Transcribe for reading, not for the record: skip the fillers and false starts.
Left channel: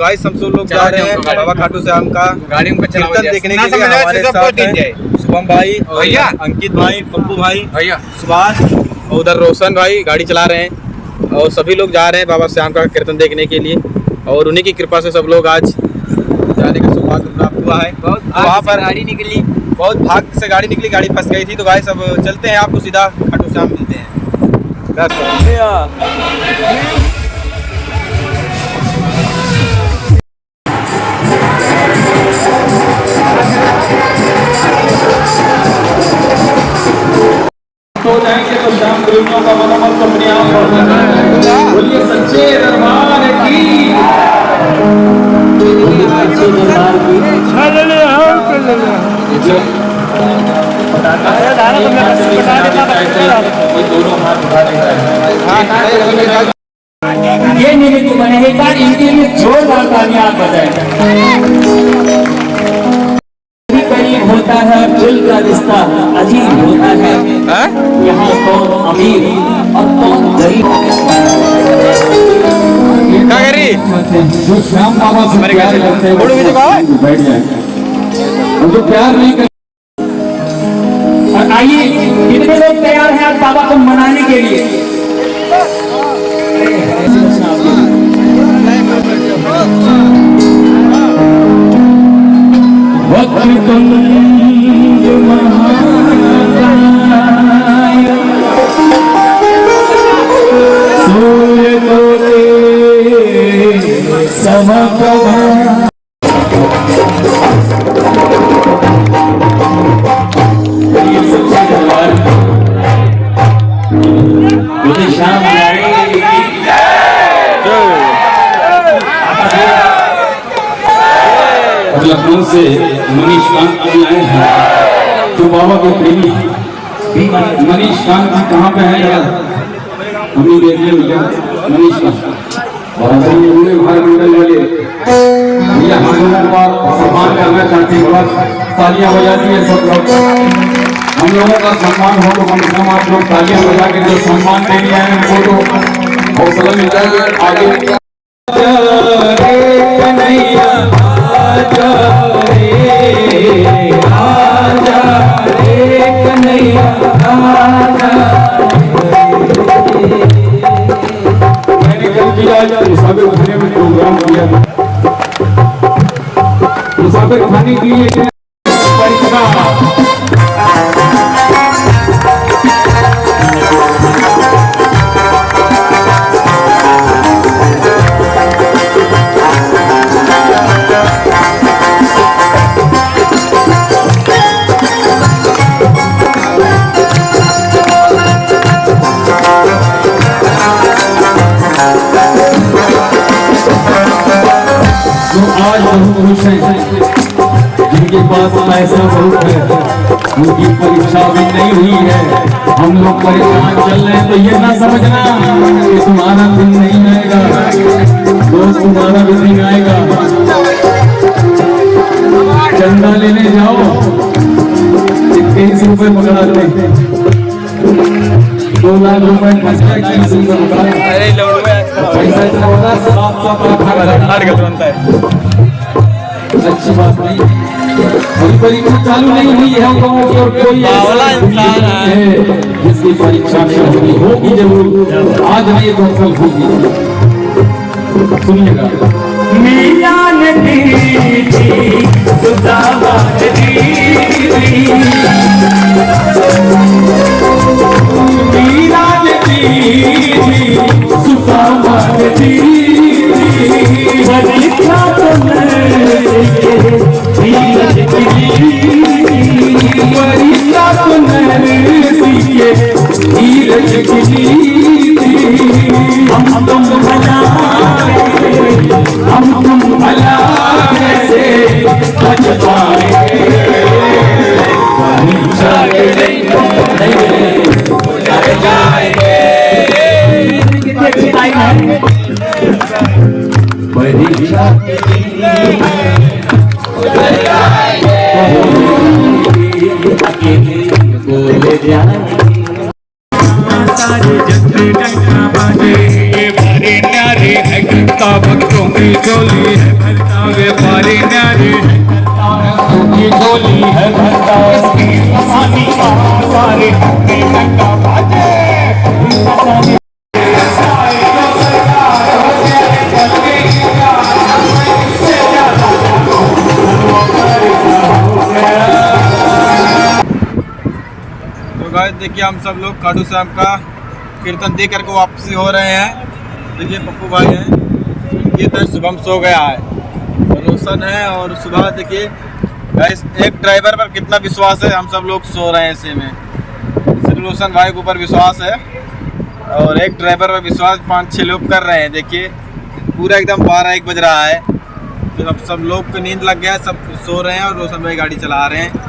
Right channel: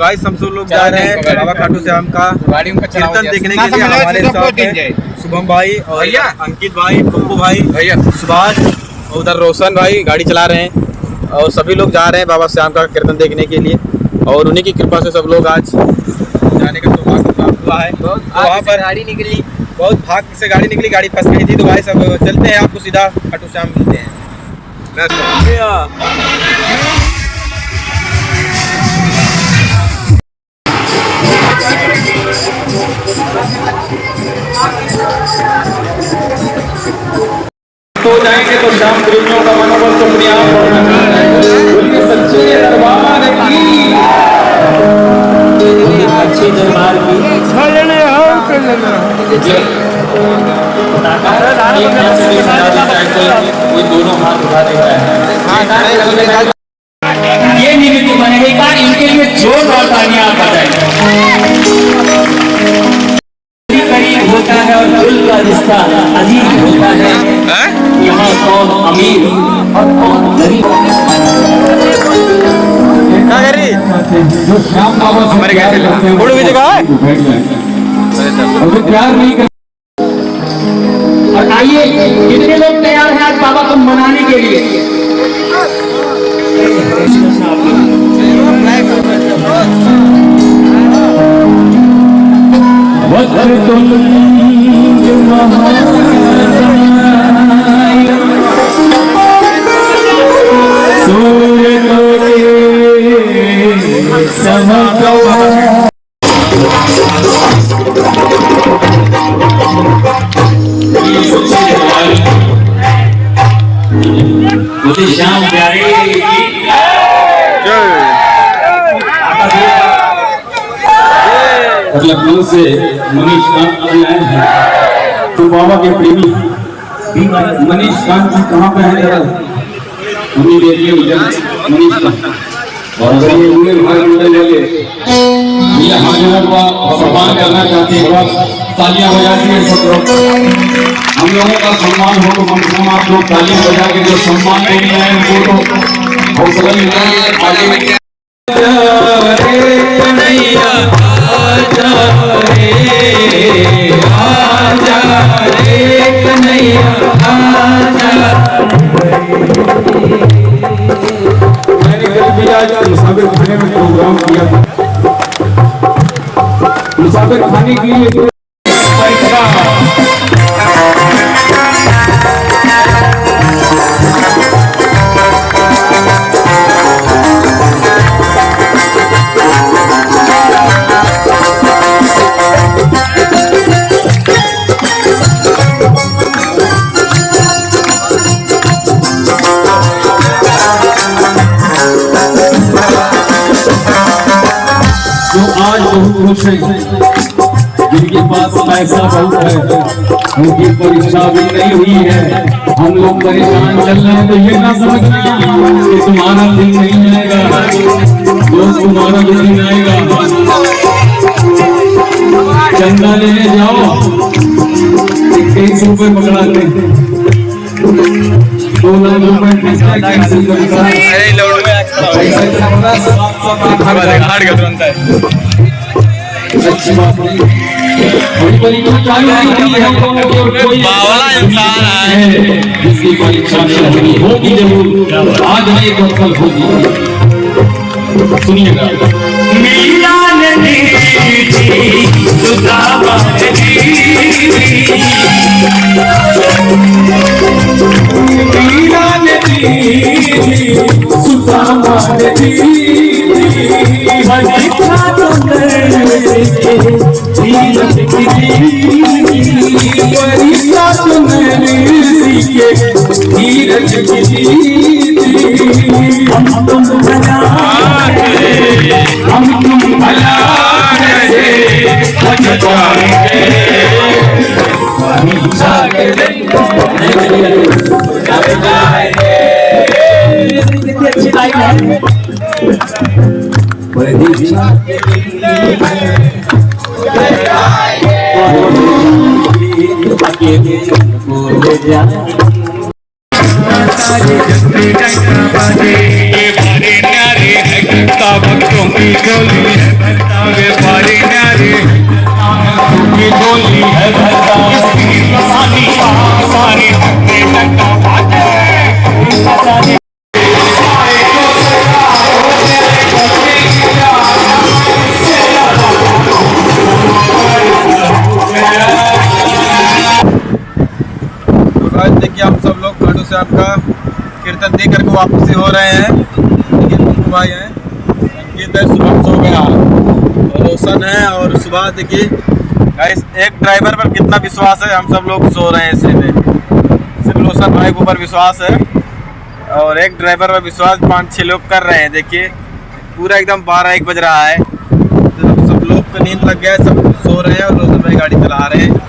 Guys हम सब लोग जा रहे हैं बाबा खाटू श्याम का कीर्तन देखने के लिए। हमारे साथ हैं शुभम भाई और अंकित भाई, पप्पू भाई, सुभाष और उधर रोशन भाई गाड़ी चला रहे हैं। और सभी लोग जा रहे हैं बाबा श्याम का कीर्तन देखने के लिए और उन्हीं की कृपा से सब लोग आज जाने का सौभाग्य प्राप्त हुआ है। तो वहाँ पर गाड़ी निकली, बहुत भाग्य से गाड़ी निकली, गाड़ी फंस गई थी। तो गाइस अब चलते हैं, आपको सीधा खाटू श्याम मिलते हैं। हो जाएंगे तो श्याम प्रेमियों का मनोबल तो प्रयास बोलिए सच्चे दरबार की, अच्छे दरबार की ये निमित्त बनेगा इनके लिए जोरदार तालियां बजाएं। करीब होता है और दिल का रिश्ता अजीब होता है। यहाँ कौन अमीर और कौन गरीब जो श्याम बाबा मुझे प्यार नहीं कर। और आइए कितने लोग तैयार हैं आज बाबा को मनाने के लिए? श्याम लखनऊ से मनीष कांत आए हैं। तो बाबा के प्रेमी मनीष कांत जी कहाँ पे हैं जरा हमें देखिए मनीष कांत और पूरे महामंडल वाले भैया हम लोगों का सम्मान करना चाहते हैं। बस तालियां बजा के सब लोग हम लोगों का सम्मान हो तो कम से कम आप लोग तालियां बजा के जो सम्मान देने आए हैं उनको तो हौसला मिलता है आगे। मुसाफिर खाने के लिए आज बहुत खुश है जिनके पास पैसा बहुत है, उनकी परीक्षा भी नहीं हुई है। हम लोग परेशान चल रहे हैं तो ये ना समझना कि तुम्हारा दिन नहीं आएगा, दोस्त तुम्हारा भी दिन आएगा। चंदा लेने जाओ 21 रुपए पकड़ाते हैं, 2 लाख रुपए अच्छी बात नहीं। परीक्षा चालू नहीं है तो कोई बावला इंसान है जिसकी परीक्षा होगी जरूर, आज नहीं तो कल होगी। सुनिएगा मीरान दीदी सुदामान दीदी मीरान दीदी सुदामान दीदी परीक्षा तो मैंने सीखे धीरज की हम तुम भला कैसे बच पाएंगे परीक्षा के दिन अच्छी लाइन है परीक्षा के अकेले बोले जाए सारे जगती गंगा बाजे भरे नारे का भक्तों की झोली है भरता व्यापारी न्यारी की झोली है भरता सारे टंका बाजे देखिए हम सब लोग खाटू श्याम का कीर्तन देख करके वापसी हो रहे हैं। देखिए पप्पू भाई हैं, अंकित है, शुभम सो गया, रोशन है और सुबह। देखिए गाइस एक ड्राइवर पर कितना विश्वास है, हम सब लोग सो रहे हैं ऐसे में। सिर्फ रोशन भाई के ऊपर विश्वास है और एक ड्राइवर पर विश्वास 5-6 लोग कर रहे हैं। देखिए पूरा एकदम 12-1 बज रहा है, तो अब सब लोग को नींद लग गया है, सब सो रहे हैं और रोशन भाई गाड़ी चला रहे हैं।